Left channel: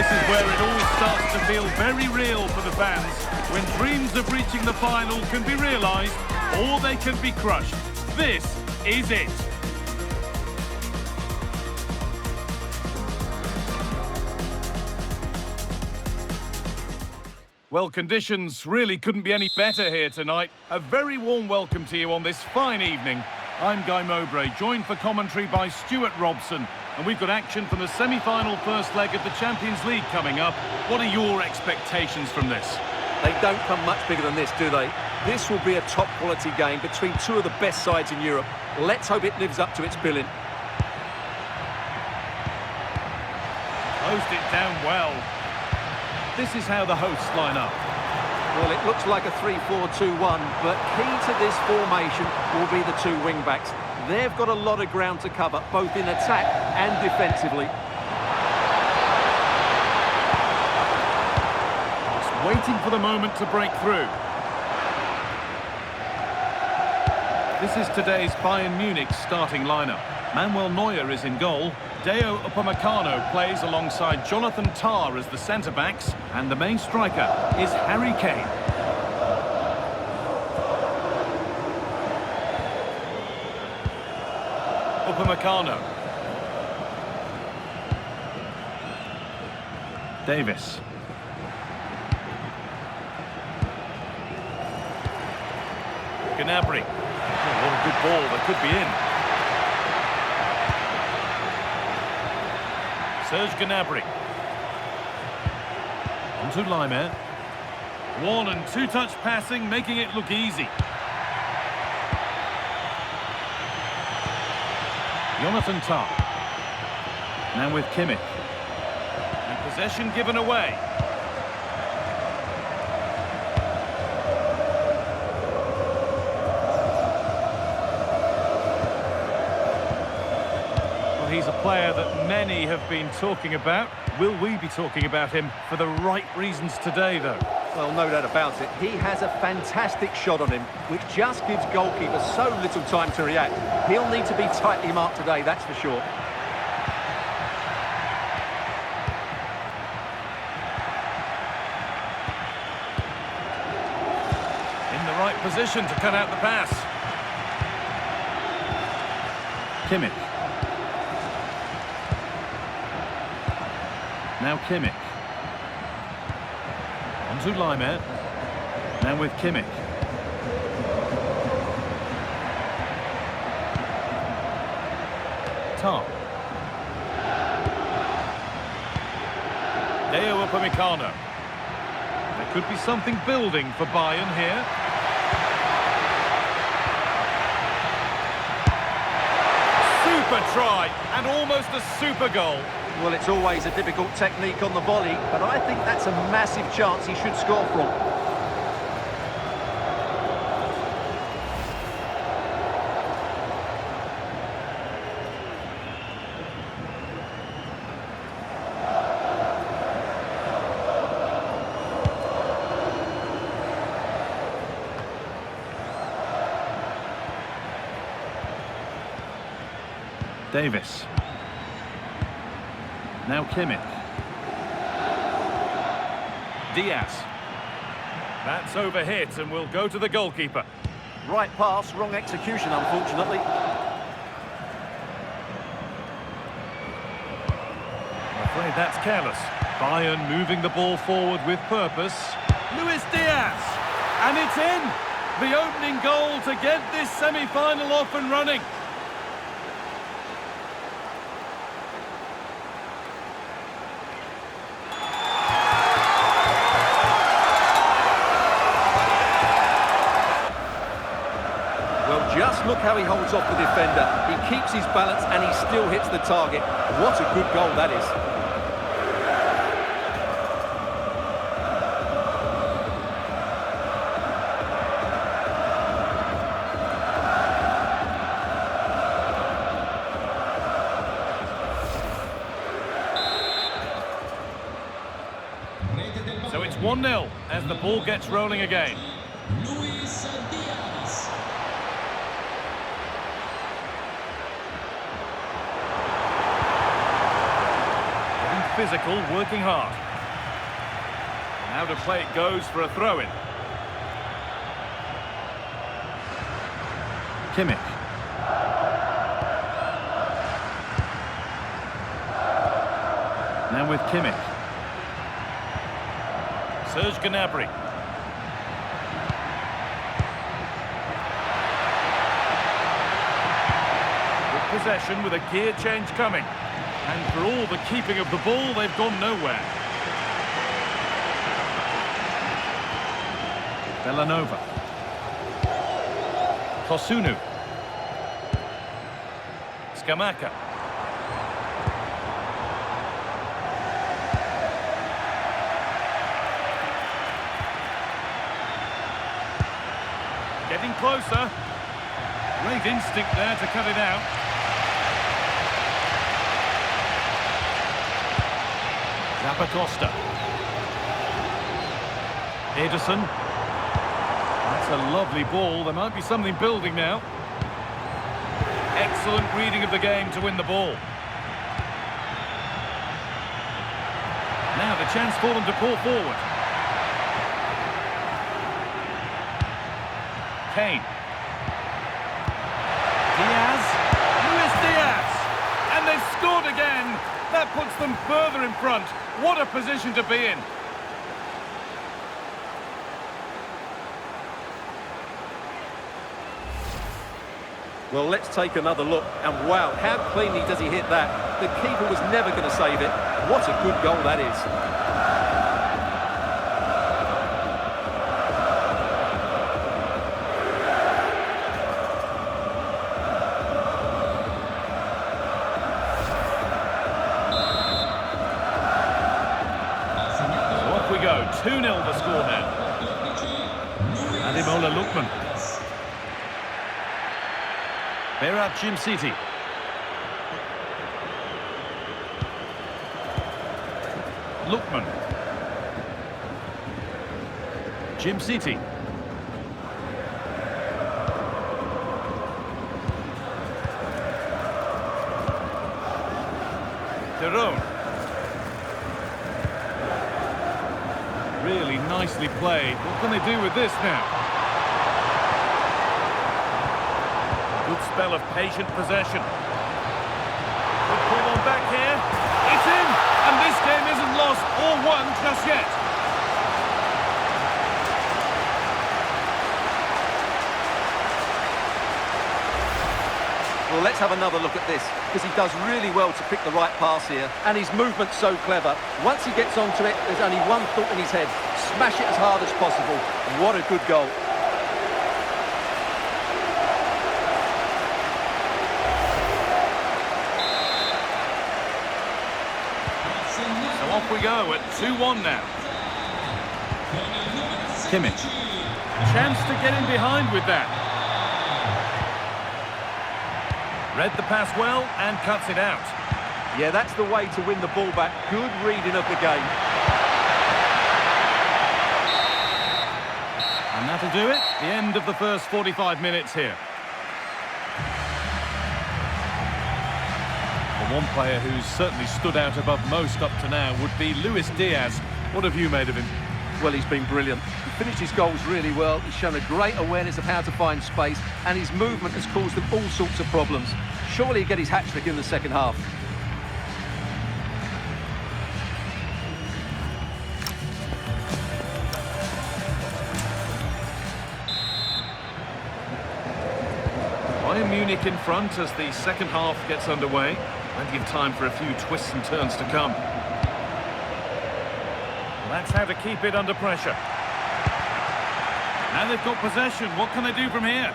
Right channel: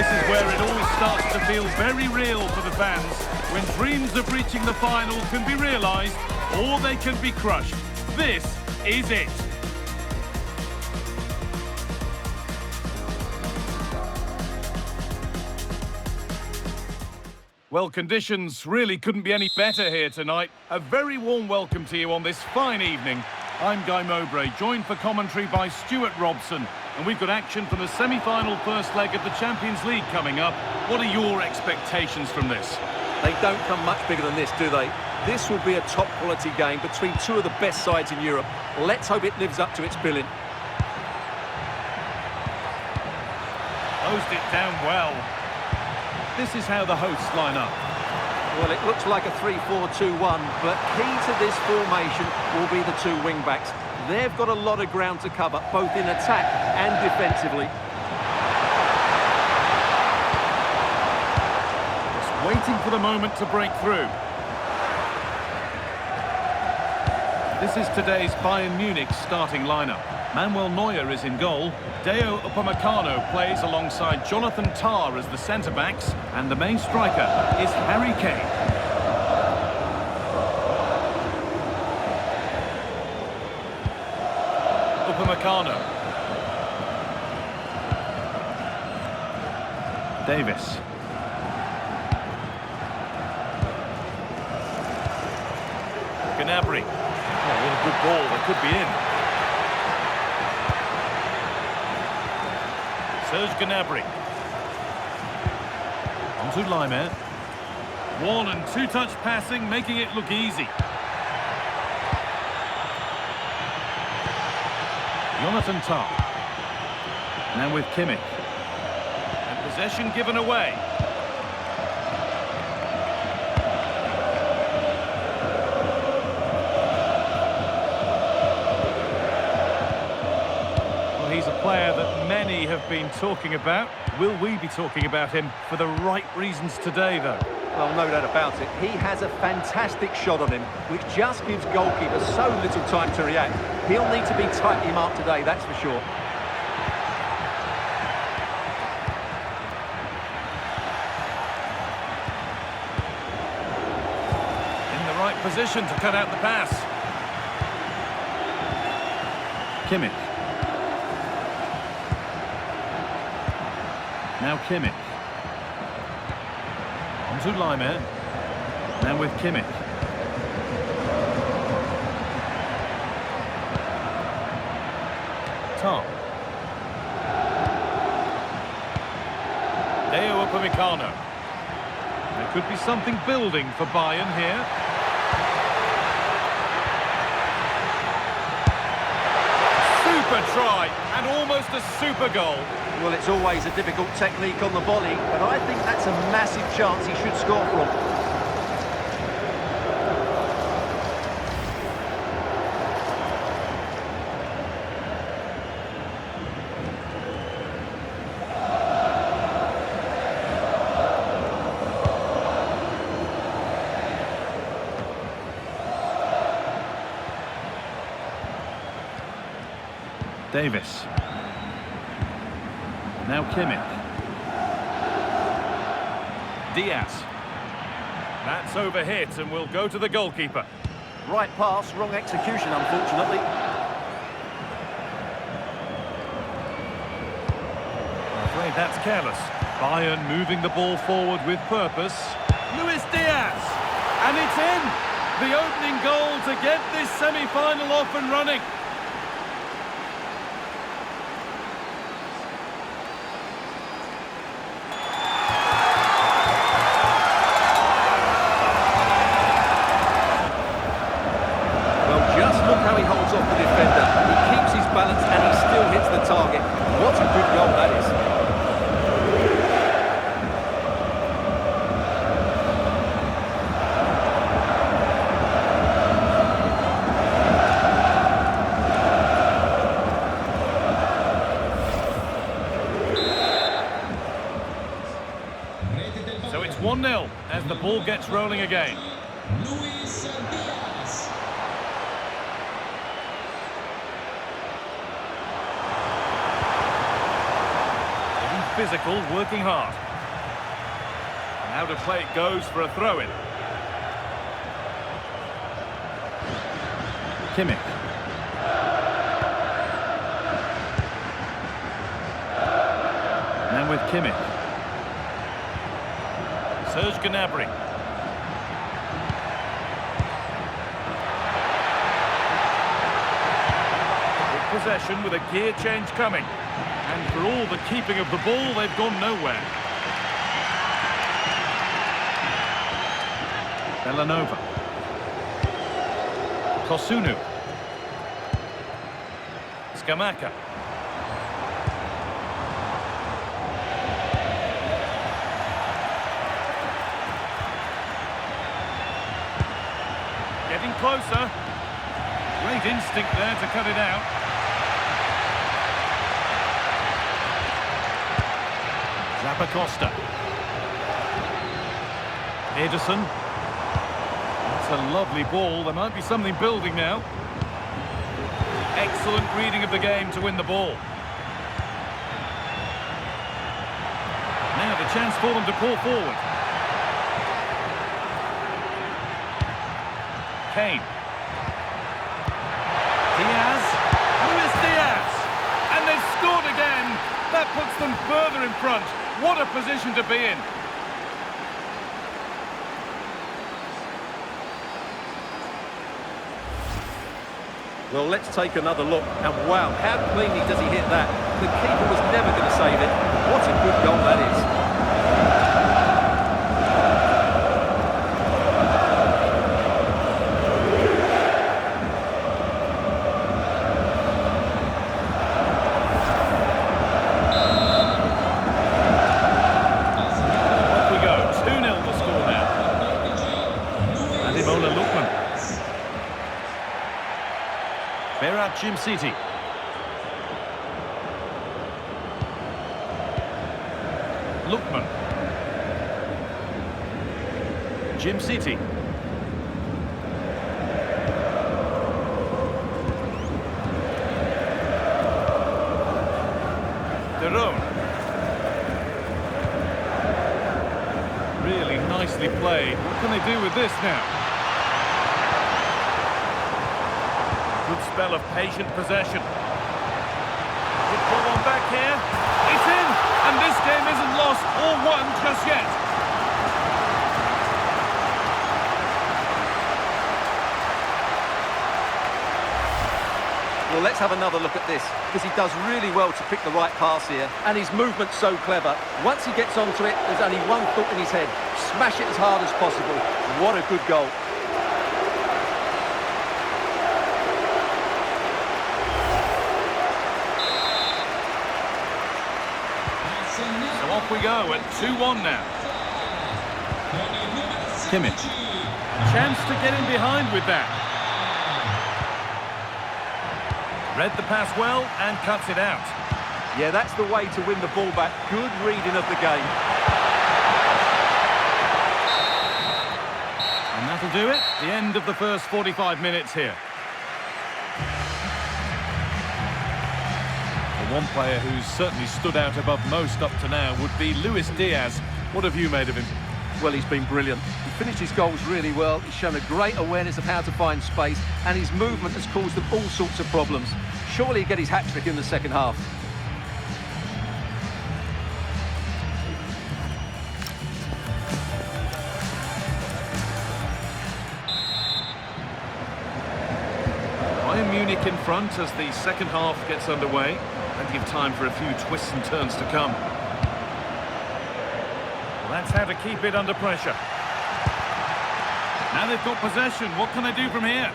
This is where it all starts to feel very real for the fans, when dreams of reaching the final can be realised or they can be crushed. This is it. Well, conditions really couldn't be any better here tonight. A very warm welcome to you on this fine evening. I'm Guy Mowbray, joined for commentary by Stuart Robson. And we've got action from the semi-final first leg of the Champions League coming up. What are your expectations from this? They don't come much bigger than this, do they? This will be a top-quality game between two of the best sides in Europe. Let's hope it lives up to its billing. Closed it down well. This is how the hosts line up. Well, it looks like a 3-4-2-1, but key to this formation will be the two wing-backs. They've got a lot of ground to cover, both in attack and defensively. Just waiting for the moment to break through. This is today's Bayern Munich starting lineup. Manuel Neuer is in goal. Deo Upamecano plays alongside Jonathan Tah as the centre-backs. And the main striker is Harry Kane. Upamecano. Davis. Gnabry. Oh, what a good ball, that could be in. Serge Gnabry. On to Laimer. One and two-touch passing, making it look easy. Jonathan Tah. Now with Kimmich. And possession given away. Well, he's a player that many have been talking about. Will we be talking about him for the right reasons today, though? Well, no doubt about it. He has a fantastic shot on him, which just gives goalkeepers so little time to react. He'll need to be tightly marked today, that's for sure. In the right position to cut out the pass. Kimmich. Now Kimmich. On to Laimer. Now with Kimmich. Tah. Deo Upamecano. There could be something building for Bayern here. Super try, and almost a super goal. Well, it's always a difficult technique on the volley, but I think that's a massive chance he should score from. Davis. Now Kimmich. Diaz. That's overhit and will go to the goalkeeper. Right pass, wrong execution, unfortunately. I'm afraid that's careless. Bayern moving the ball forward with purpose. Luis Diaz. And it's in! The opening goal to get this semi-final off and running. Well, just look how he holds off the defender. He keeps his balance and he still hits the target. What a good goal that is. So it's 1-0 as the ball gets rolling again. physical, working hard. And out of play it goes for a throw-in. Kimmich. Now with Kimmich. Serge Gnabry. Good possession with a gear change coming. And for all the keeping of the ball, they've gone nowhere. Bellanova. Kosunu. Scamacca. Getting closer. Great instinct there to cut it out. Zappacosta. Ederson. That's a lovely ball. There might be something building now. Excellent reading of the game to win the ball. Now the chance for them to pull forward. Kane. Diaz. Luis Diaz. And they've scored again. That puts them further in front. What a position to be in. Well, let's take another look. And wow, how cleanly does he hit that? The keeper was never going to save it. What a good goal that is. Off we go. 2-0 the score now. Ademola Lookman. Berat City. Lookman. City. Derone. Really nicely played. What can they do with this now? Good spell of patient possession. Good pull on back here. It's in, and this game isn't lost or won just yet. Well, let's have another look at this, because he does really well to pick the right pass here, and his movement's so clever. Once he gets onto it, there's only one thought in his head: smash it as hard as possible. What a good goal. So off we go at 2-1 now. Kimmich. Chance to get in behind with that. Read the pass well and cuts it out. Yeah, that's the way to win the ball back. Good reading of the game. And that'll do it. The end of the first 45 minutes here. One player who's certainly stood out above most up to now would be Luis Diaz. What have you made of him? Well, he's been brilliant. He finished his goals really well. He's shown a great awareness of how to find space, and his movement has caused them all sorts of problems. Surely he'll get his hat-trick in the second half. Bayern Munich in front as the second half gets underway. Plenty of time for a few twists and turns to come. Well, that's how to keep it under pressure. Now they've got possession. What can they do from here?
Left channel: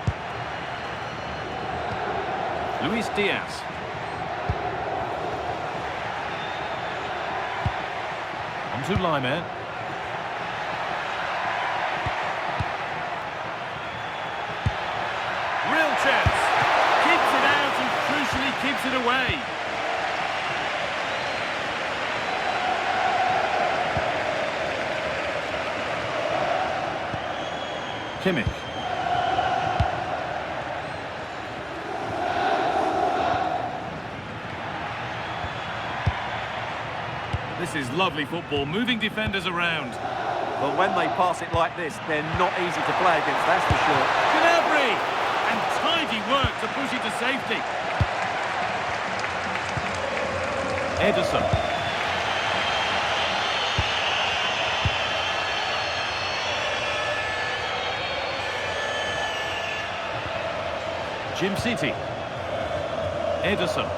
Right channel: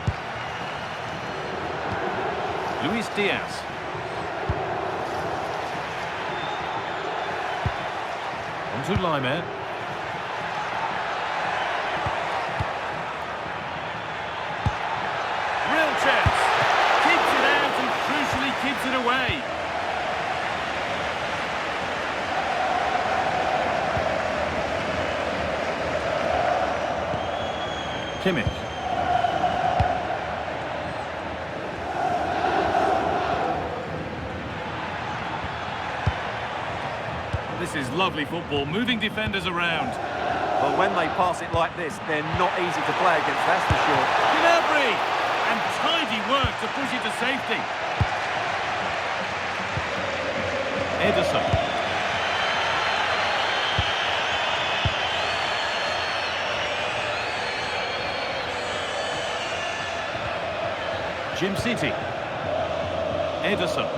Luis Diaz. On to Laimer. Real chance. Keeps it out and crucially keeps it away. Kimmich. This is lovely football, moving defenders around. Well, when they pass it like this, they're not easy to play against, that's for sure. Gnabry! And tidy work to push it to safety. Ederson. Jim City. Ederson.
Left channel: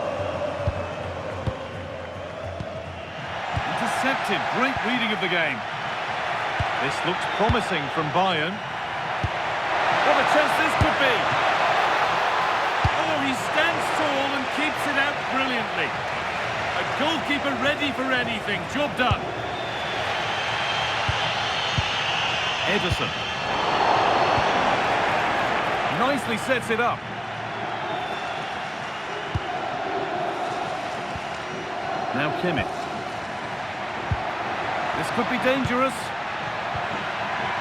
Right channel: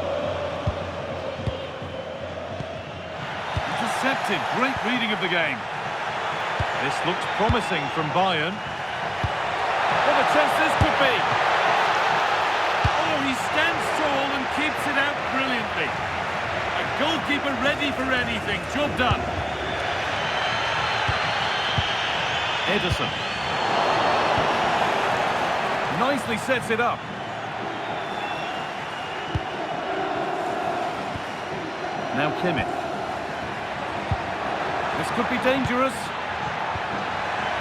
Intercepted. Great reading of the game. This looks promising from Bayern. What a chance this could be. Oh, he stands tall and keeps it out brilliantly. A goalkeeper ready for anything. Job done. Ederson. Nicely sets it up. Now Kimmich. This could be dangerous.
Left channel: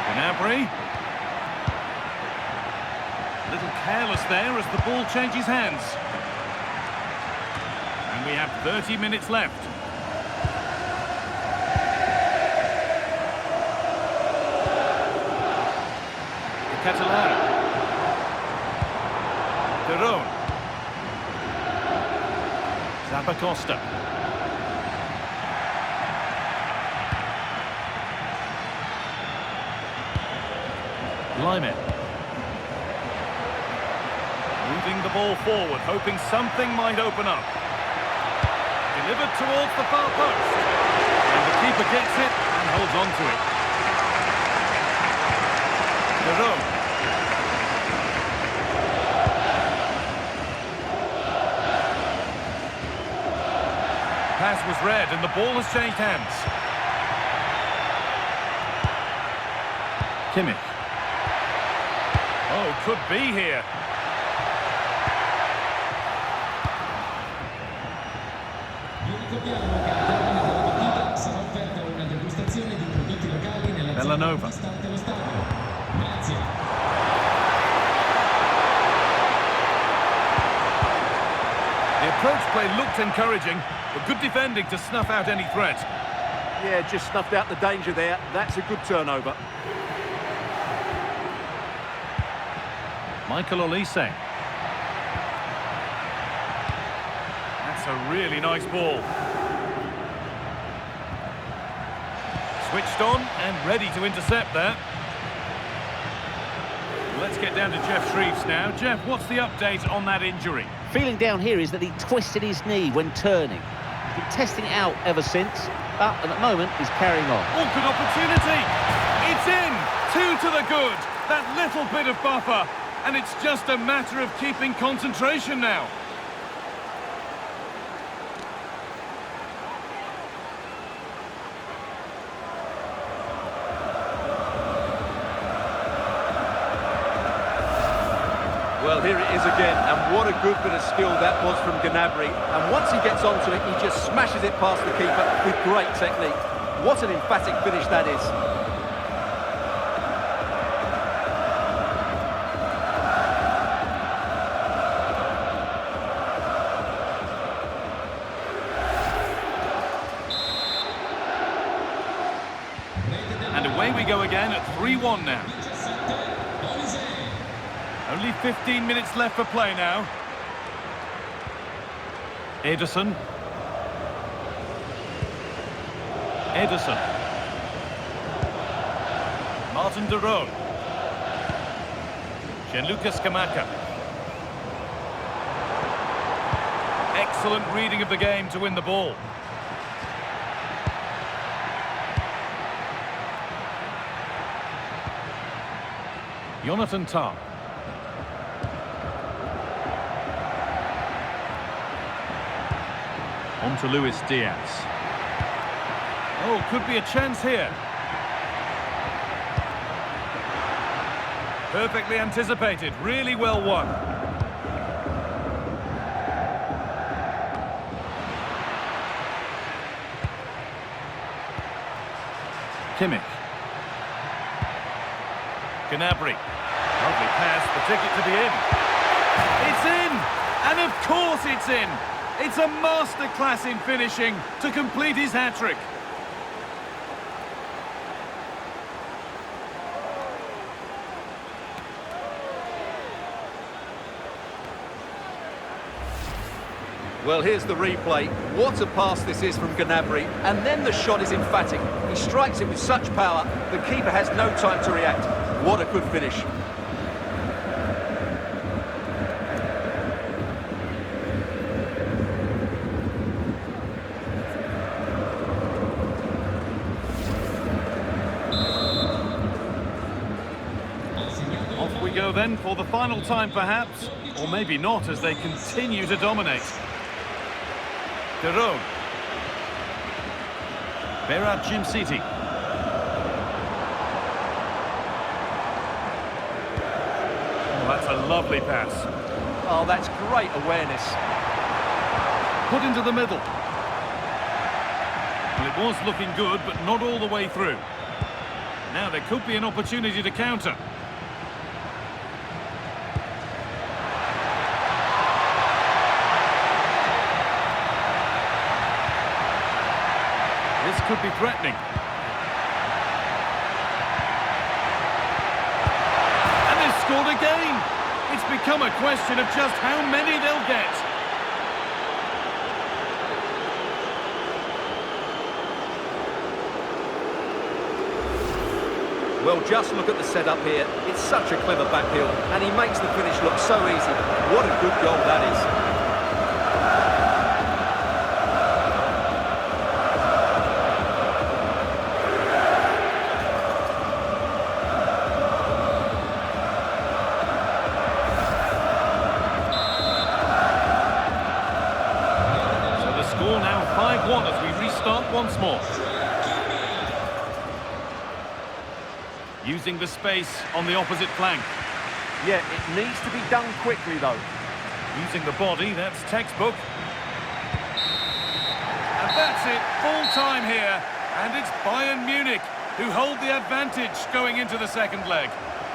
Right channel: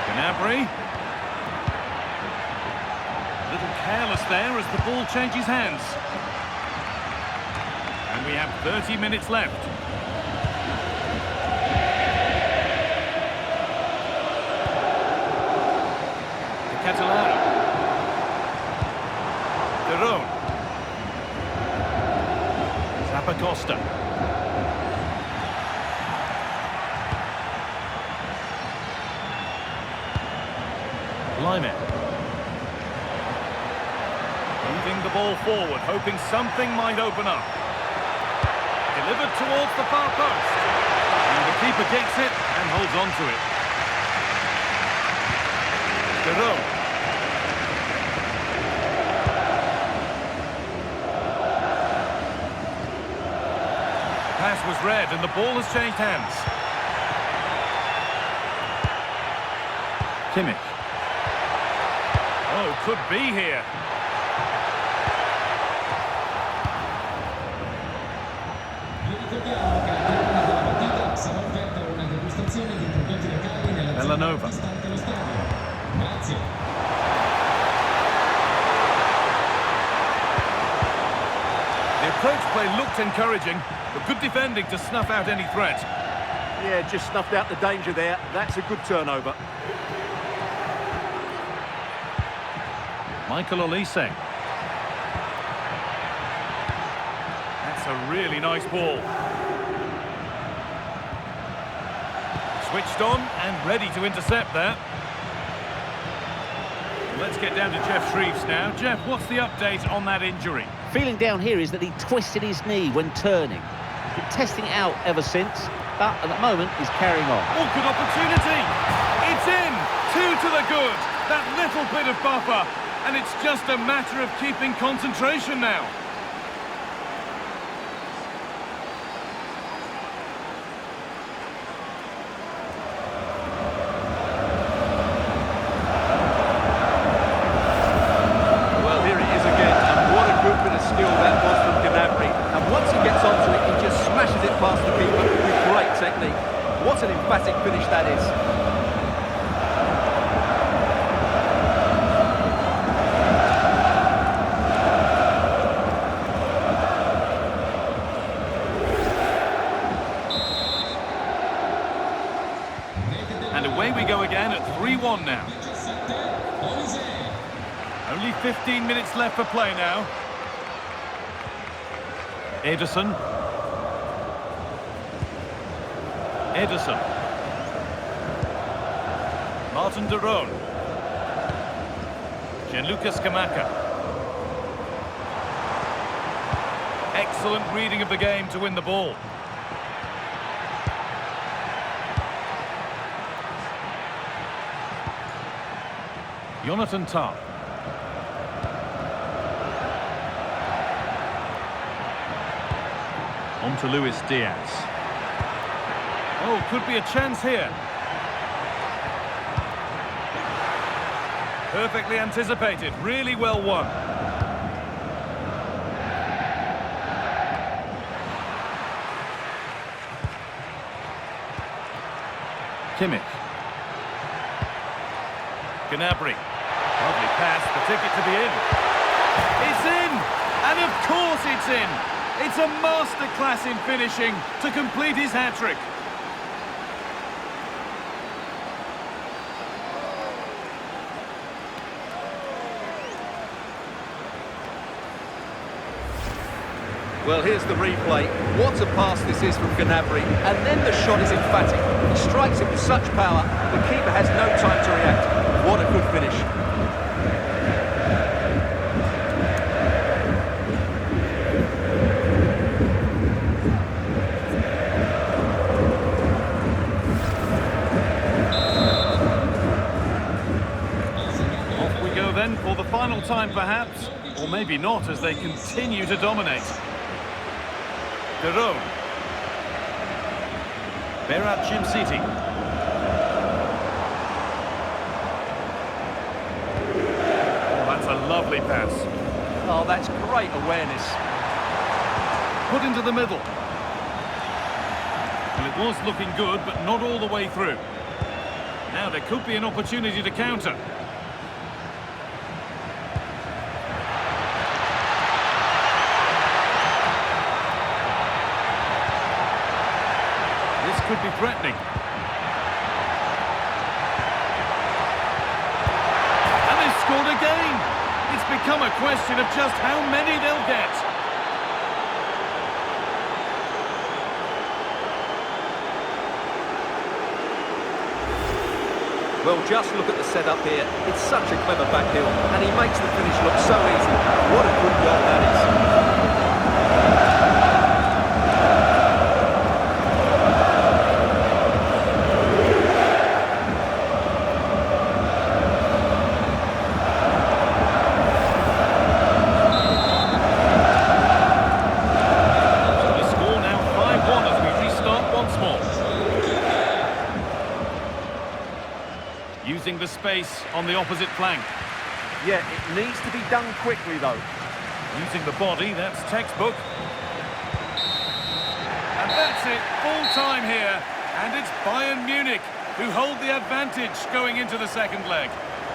Gnabry. A little careless there as the ball changes hands. And we have 30 minutes left. Catalano. Derone. Zappacosta. Lyman. Moving the ball forward, hoping something might open up. Delivered towards the far post. And the keeper gets it and holds on to it. Derone. Pass was read and the ball has changed hands. Kimmich. Oh, could be here. Vi ricordiamo che al termine della partita sarà offerta una degustazione di prodotti locali nella zona Bellanova. antistante lo stadio. Grazie. The approach play looked encouraging, but good defending to snuff out any threat. Yeah, just snuffed out the danger there. That's a good turnover. Michael Olise. That's a really nice ball. Switched on and ready to intercept there. Let's get down to Jeff Shreves now. Jeff, what's the update on that injury? Feeling down here is that he twisted his knee when turning. He's been testing it out ever since, but at the moment he's carrying on. Oh, good opportunity. It's in. 2 to the good. That little bit of buffer. And it's just a matter of keeping concentration now. Well, here it is again, and what a good bit of skill that was from Gnabry. And once he gets onto it, he just smashes it past the keeper with great technique. What an emphatic finish that is. And away we go again at 3-1 now. Only 15 minutes left for play now. Ederson. Ederson. Martin Derone. Gianluca Scamacca. Excellent reading of the game to win the ball. Jonathan Tah. On to Luis Diaz. Oh, could be a chance here. Perfectly anticipated, really well won. Kimmich. Gnabry. Lovely pass, the ticket to be in. It's in! And of course it's in! It's a masterclass in finishing to complete his hat-trick. Well, here's the replay. What a pass this is from Gnabry. And then the shot is emphatic. He strikes it with such power, the keeper has no time to react. What a good finish. Off we go then for the final time perhaps, or maybe not as they continue to dominate. De Roon. Bergamo. Oh, that's a lovely pass. Oh, that's great awareness. Put into the middle. Well, it was looking good, but not all the way through. Now there could be an opportunity to counter. This could be threatening. And they've scored again. It's become a question of just how many they'll get. Well, just look at the setup here. It's such a clever back heel, and he makes the finish look so easy. What a good goal that is. As we restart once more. Using the space on the opposite flank. Yeah, it needs to be done quickly though. Using the body, that's textbook. And that's it, full time here. And it's Bayern Munich who hold the advantage going into the second leg.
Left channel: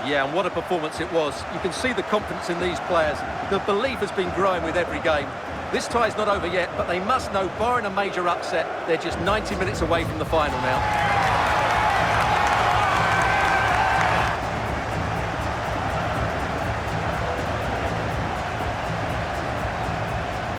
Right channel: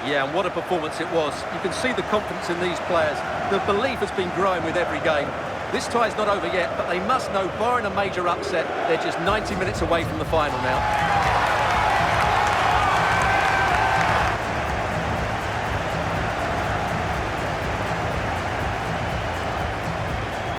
Yeah, and what a performance it was. You can see the confidence in these players. The belief has been growing with every game. This tie's not over yet, but they must know, barring a major upset, they're just 90 minutes away from the final now.